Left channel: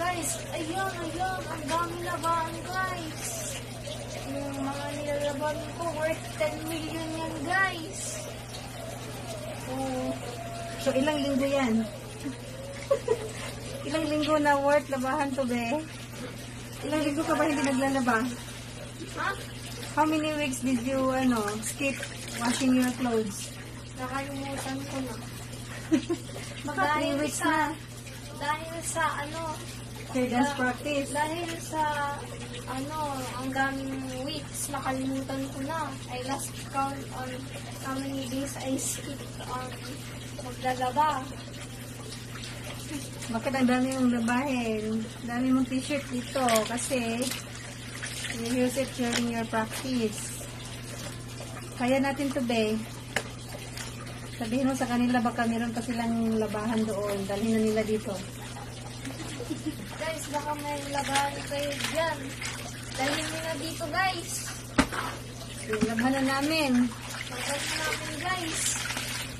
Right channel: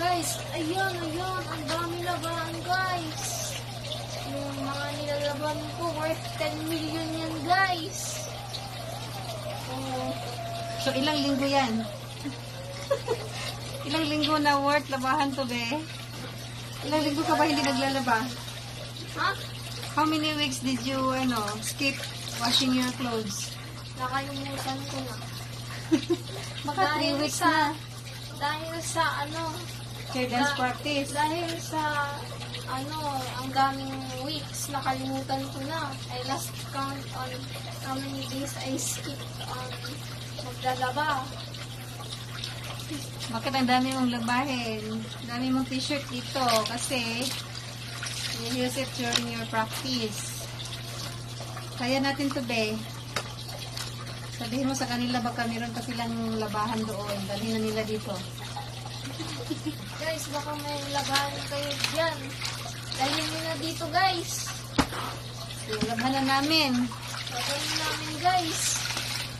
Guys, ayun, ang dami labahan guys. Yung mga nilalaban ko worth 10 million yan guys. So ilang linggo yan? Ilang linggo na worth labahan to be? Ilang linggo ka ba hindi naglalaba? Ha? How many weeks did you skip washing your clothes? Nakalimutan ko na. Baka 3 weeks na. Dahil sa Dance practice. Dahil sa ang daming weeks, nakalimutan ko na. I lost count on how many days I skipped maglalaba. Bakit ang dami mong labahin? Dami mong t-shirt dito kasi you use it during your practice. Kaya natin to be. Sabihin mo sa kanila baka meron pa silang labahan doon. Dalhin na nila dito. Guys, baka may labahan kayo dyan. Dalhin nyo na dito guys. Labahan na namin. Labahan namin guys.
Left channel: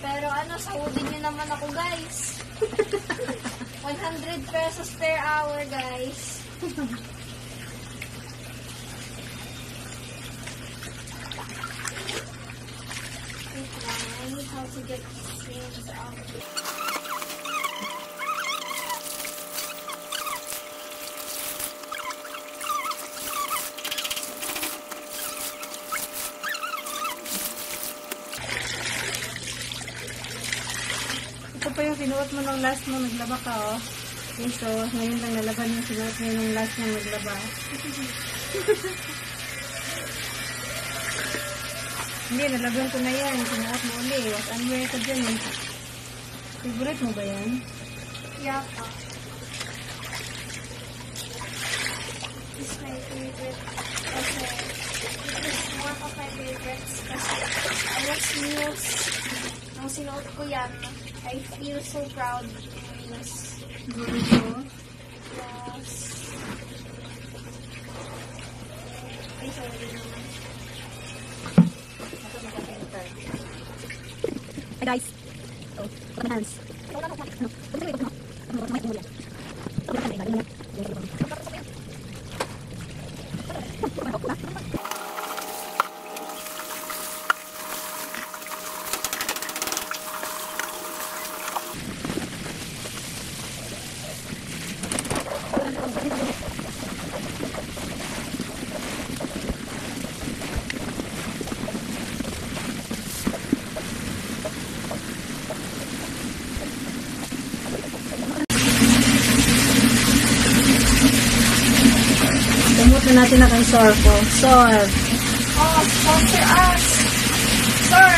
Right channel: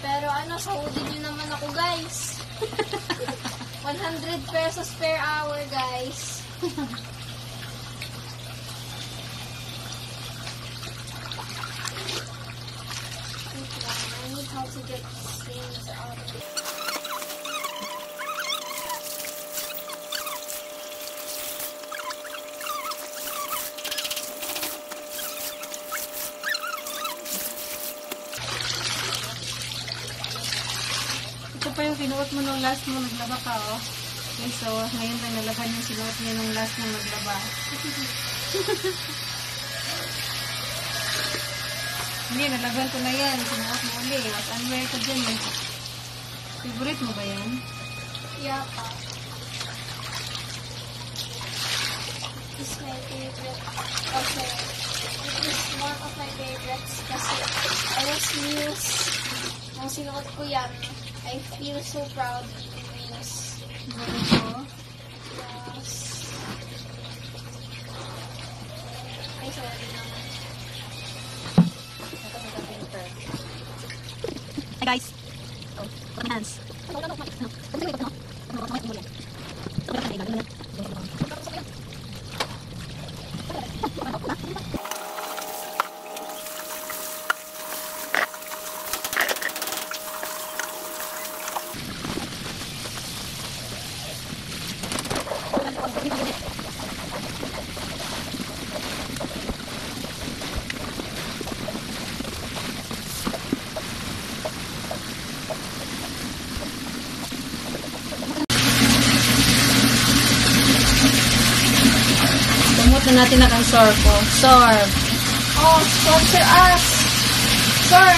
Pero sahodin nyo naman ako guys. 100 pesos per hour guys. I need how to get things out of it. Ito pa yung sinuot mo nung last mo naglaba ka, oh. Okay, so, ngayon lang nalaban yung sinuot mo nung last mo naglaba. Hindi, nalaban ko na yan. Sinuot mo ulit. Ano ba ito dyan eh? Favorite mo ba yan? Yeah. This is my favorite. Okay. It is one of my favorites kasi I was Muse. Ang sinuot ko yan. I feel so proud of Muse. Ganito. Yes. Ay, sorry naman. Hi guys. Oh, put my hands. Gamot na natin na kay Sor ko. Sor. Oh, sponsor us. Sir,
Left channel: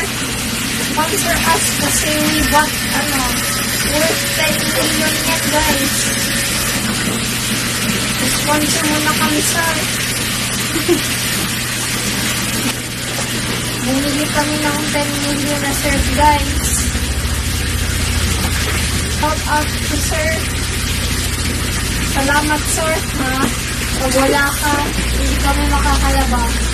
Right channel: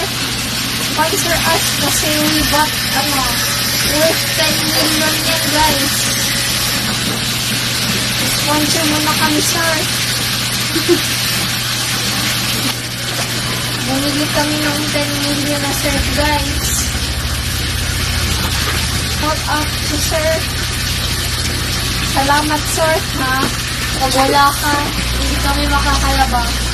sponsor us kasi we bought, worth 10 million yan, guys. Sponsor mo na kami, sir. Bumili kami ng 10 million na sir, guys. Shout out to sir. salamat, sir, ha? Pag wala ka, hindi kami makakalabas.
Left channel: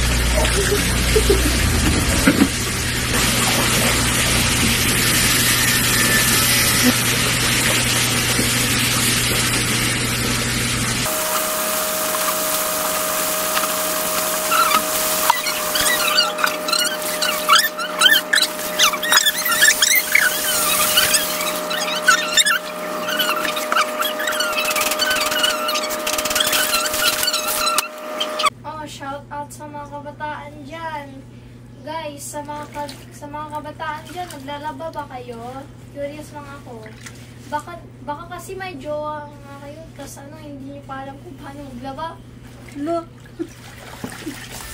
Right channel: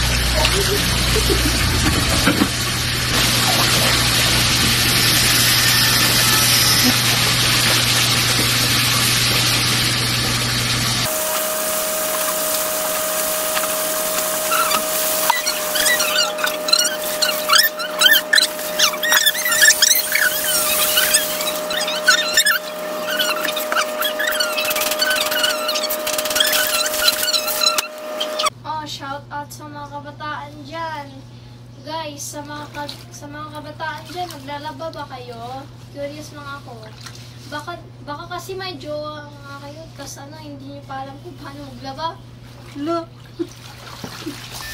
Shout out sa mga kabataan dyan. Guys, sa mga kabataan dyan, naglalaba ba kayo? Curious lang ako. Baka kasi may jowa nga kayo, tas hindi niyo pa alam kung paano maglaba. Look.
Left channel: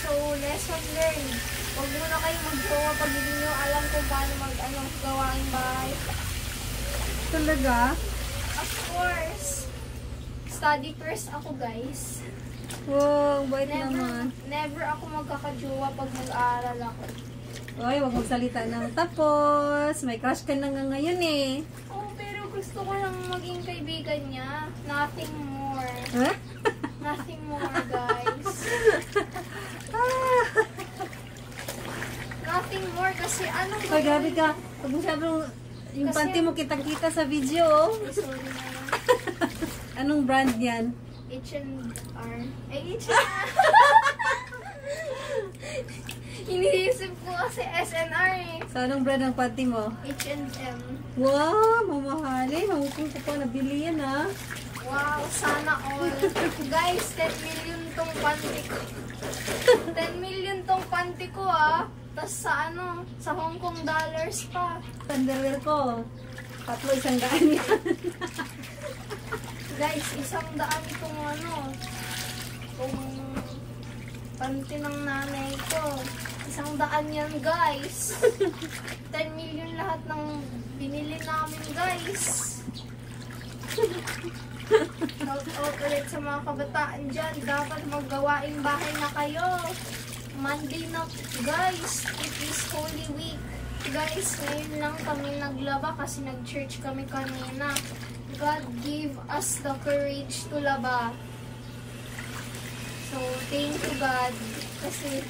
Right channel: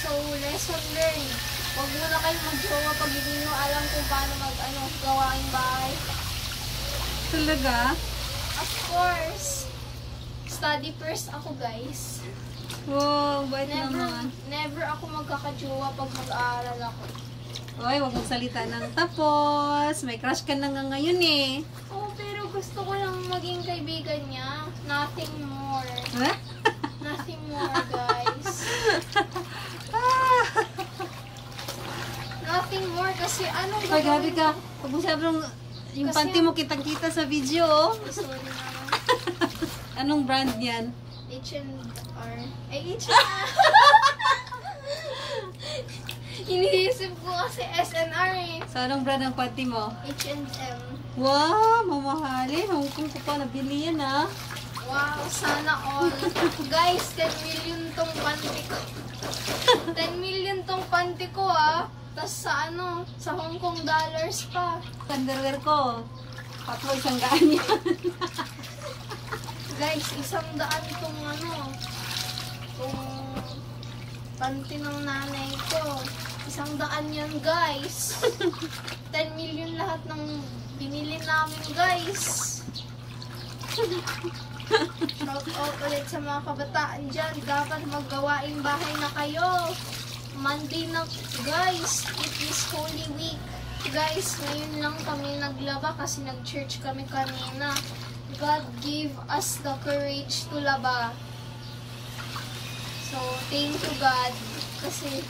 So, lesson learned. Huwag muna kayo mag-jowa pag hindi niyo alam kung paano gawain bahay. Talaga? Of course. Study first ako, guys. Wow, bait naman. Never ako magkakajowa pag mag-aaral ako. Uy, wag mong salita ng tapos. May crush ka na nga ngayon eh. Oh, pero gusto ko lang maging kaibigan niya. Nothing more. Huh? Nothing more, guys. Nothing more kasi Ay, grabe ka. Pag mo sabrong yung Kasi panty mo kitang-kita sa video, oh. Sorry naman. Anong brand yan? H&R. Ay, H&R. Iniisip ko kasi SNR eh. So, anong brand ng panty mo? H&M. Wow, mamahalin. Hong Kong ko pa nabili yan, ah. Wow, sana all. Guys, 10 million tong panty ko. 10 million tong panty ko, ah. Tapos sa Hong Kong dollars pa. Underwear ko. 100 yan. Guys, 100 tong tong panty ng nanay ko. 100 yan, guys. 10 million lahat ng binili namin, guys. Shout out ulit sa mga kabataan dyan. Dapat maggawaing bahay na kayo. Monday na, guys. It is Holy Week. Guys, ngayon lang kami naglaba kasi nag-church kami kanina. God gave us the courage to laba. So, thank you God. Kasi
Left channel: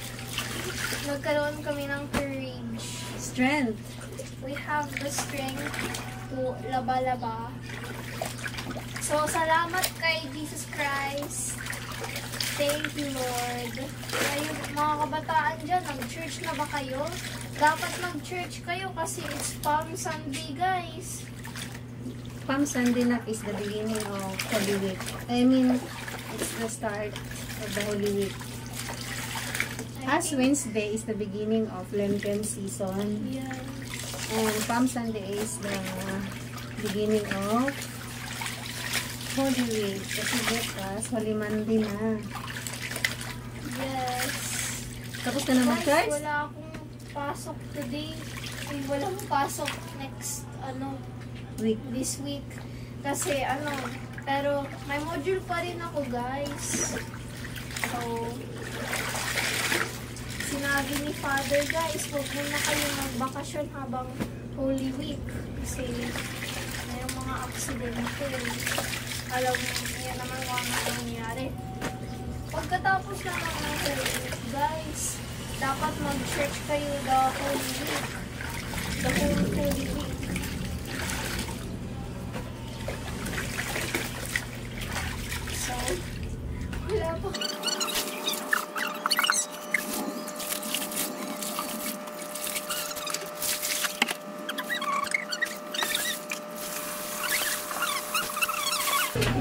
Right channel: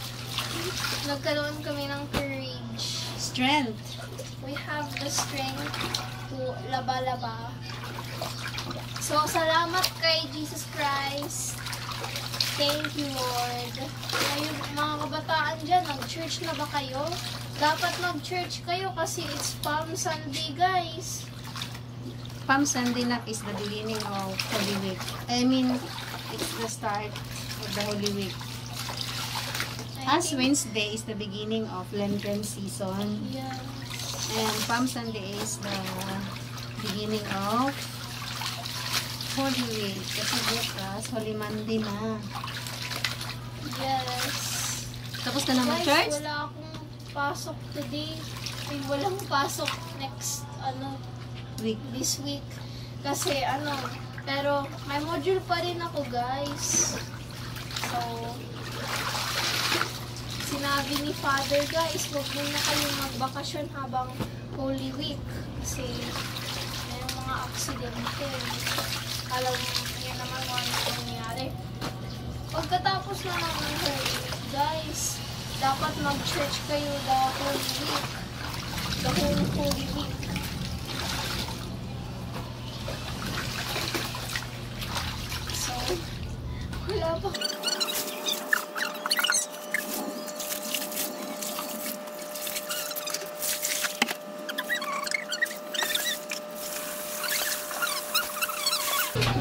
nagkaroon kami ng courage. Strength. We have the strength to laba-laba. So, salamat kay Jesus Christ. Thank you, Lord. Ngayon, mga kabataan dyan, nag-church na ba kayo? Dapat mag-church kayo kasi it's Palm Sunday, guys. Palm Sunday na is the beginning of Holy Week. I mean, it's the start of the Holy Week. As Wednesday is the beginning of Lenten season. Yes. And Palm Sunday is the beginning of Holy Week. Kasi bukas, Holy Monday na. Yes. Tapos ka na mag-church? Guys, wala akong pasok today. Ay, walang pasok next, Week. this week. Kasi, pero may module pa rin ako, guys. So, sinabi ni Father, guys, huwag muna kayong magbakasyon habang Holy Week. Kasi, mayroong mga aksidente. Alam niya naman ang nangyari. Pagkatapos na ng Holy Week, guys, dapat mag-church kayo the Holy Week. The whole Holy Week. So, wala pa.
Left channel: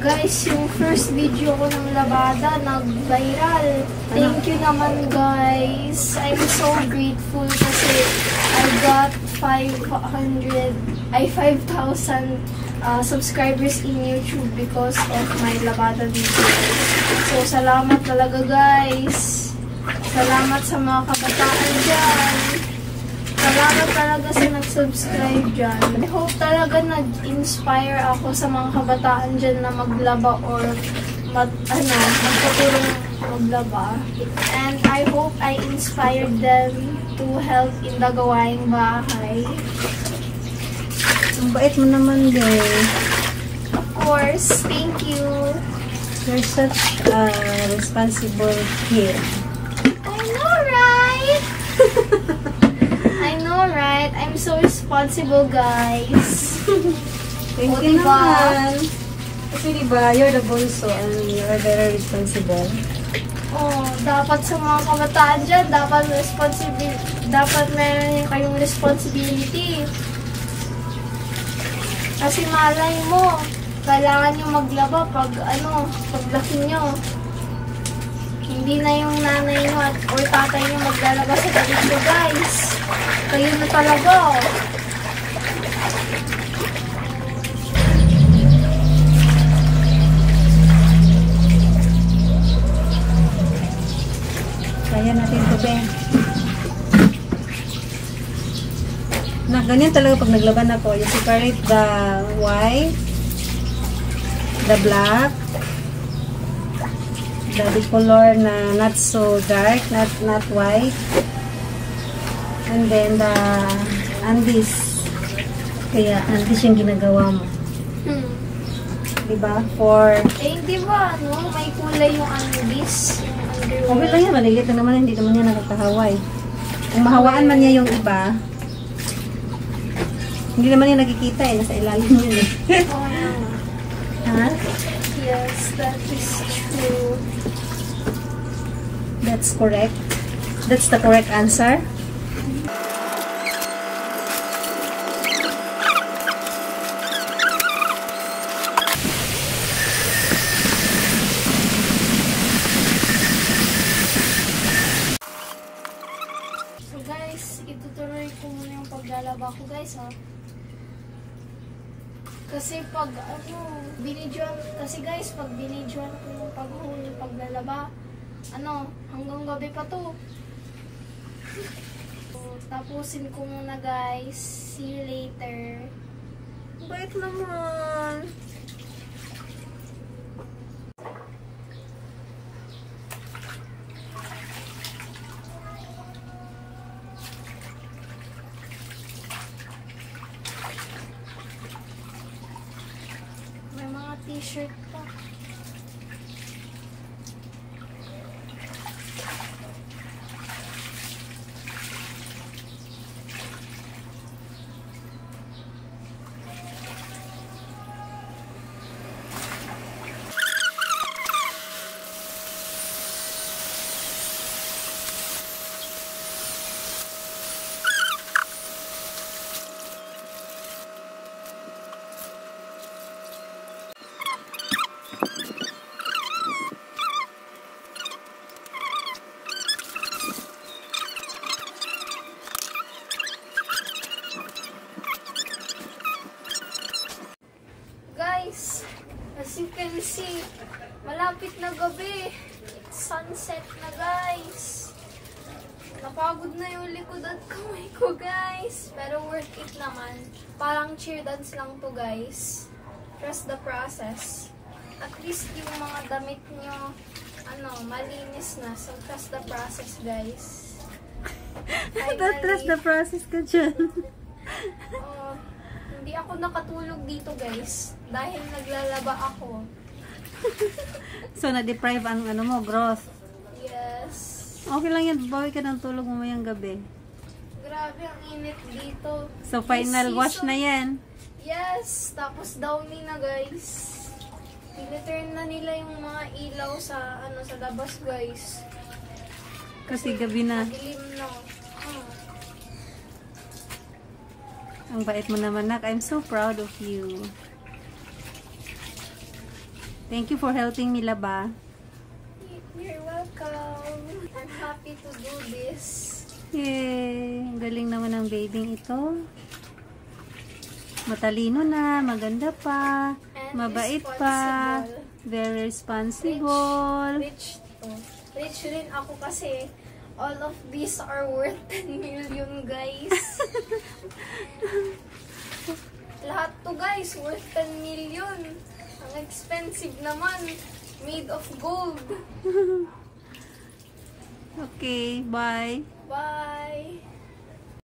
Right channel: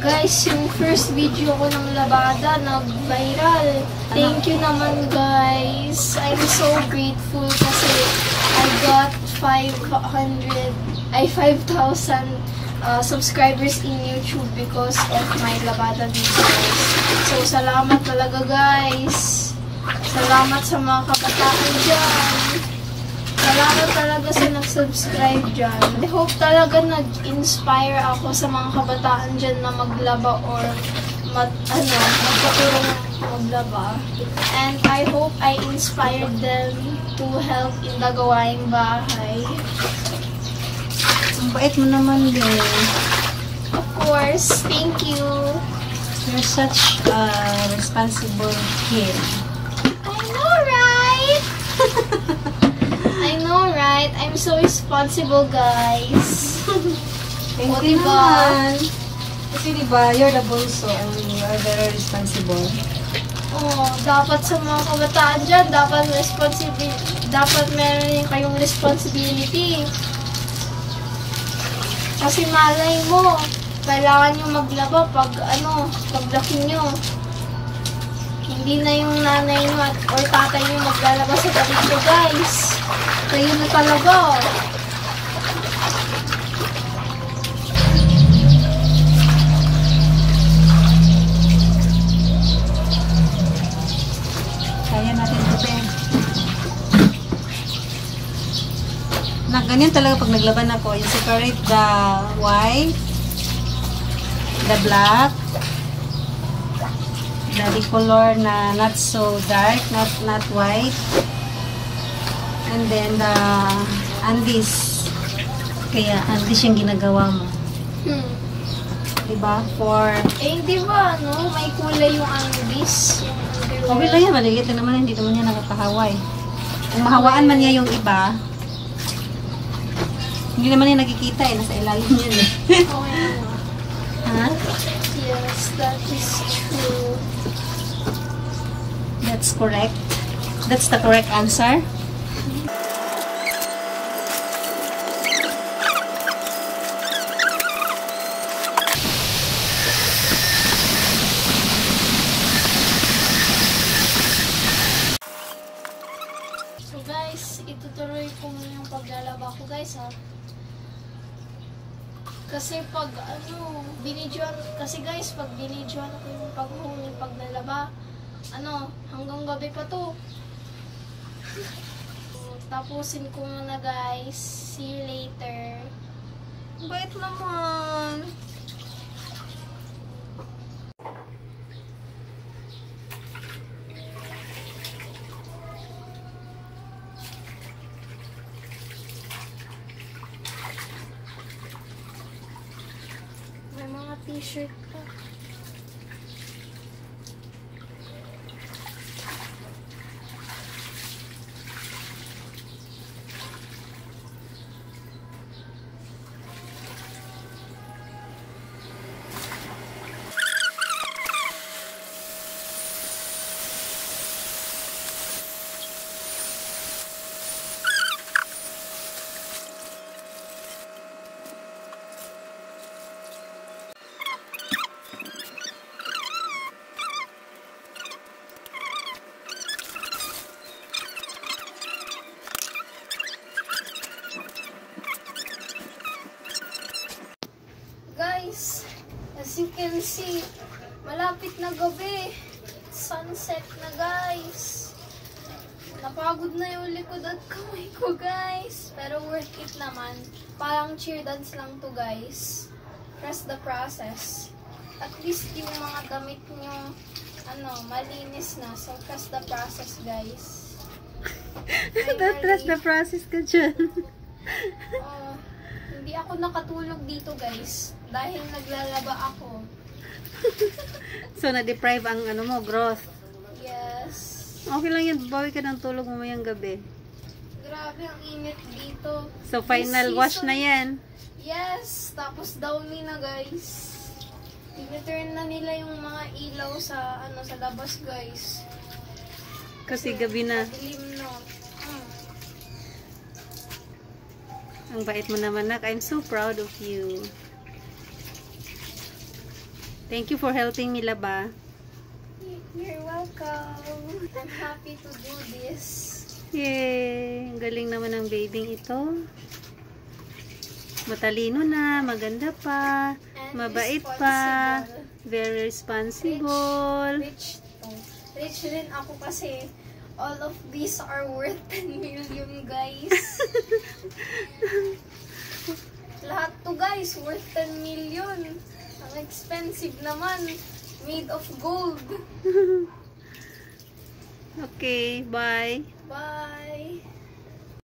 Guys, yung first video ko ng labada, nag-viral. Thank you naman, guys. I'm so grateful kasi I got 5,000 subscribers in YouTube because of my labada videos. So, salamat talaga, guys. Salamat sa mga kabataan dyan. Salamat talaga sa nag-subscribe dyan. I hope talaga nag-inspire ako sa mga kabataan dyan na maglaba or magtuturo ng maglaba. And I hope I inspired them to help in the gawaing bahay. Ang bait mo naman, guys. Of course, thank you. You're such a responsible kid. I know, right? I know, right? I'm so responsible, guys. Thank O, you diba? naman. Kasi diba, you're the bunso and you are very responsible. Oh, dapat sa mga kabataan dyan, dapat meron kayong responsibility. Kasi malay mo, kailangan nyo maglaba paglaki nyo. Hindi na yung nanay nyo or tatay nyo maglalaba sa gabi nyo, guys. Kayo na talaga. Kaya natin ito, Ben. Na ganyan talaga pag naglaban ako. You separate the white, the black, the color na not so dark, not white, and then the andis. Kaya andis yung ginagawa mo. Diba? For Hindi ba, no? May kulay yung anubis. okay lang yan, maliit lang naman, hindi naman yan nakakahaway. Kung mahawaan man niya yung iba, hindi naman yan nakikita eh, nasa ilalim yun eh. Oh, yeah. Ha? Yes, that is true. That's correct. That's the correct answer. So guys, itutuloy ko muna yung paglalaba ko, guys, ha. Kasi pag binidyoan ko yung paglalaba, hanggang gabi pa to. So, tapusin ko muna, guys. See you later. Bait naman. May mga t-shirt pa. Guys, as you can see, malapit na gabi. Sunset na, guys. Napagod na yung likod at kamay ko, guys. Pero worth it naman. Parang cheer dance lang to, guys. Trust the process. At least yung mga damit nyo, malinis na. So, trust the process, guys. Don't trust the process ka dyan. Hindi ako nakatulog dito, guys. Dahil naglalaba ako. So, na-deprive ang growth. Yes. Okay lang yan, bawi ka ng tulog mamayang gabi. Grabe, ang init dito. So, final This wash season- na yan. Yes, tapos downy na, guys. I-return na nila yung mga ilaw sa labas, guys. Kasi gabi na. Dilim na. Ang bait mo naman, nak. I'm so proud of you. Thank you for helping me laba. You're welcome. I'm happy to do this. Yay! Ang galing naman ng babying ito. Matalino na, maganda pa, And mabait pa, responsible. very responsible. Rich rin ako kasi all of these are worth 10 million, guys. Lahat to, guys, worth 10 million. Ang expensive naman. Made of gold. Okay, bye. Bye.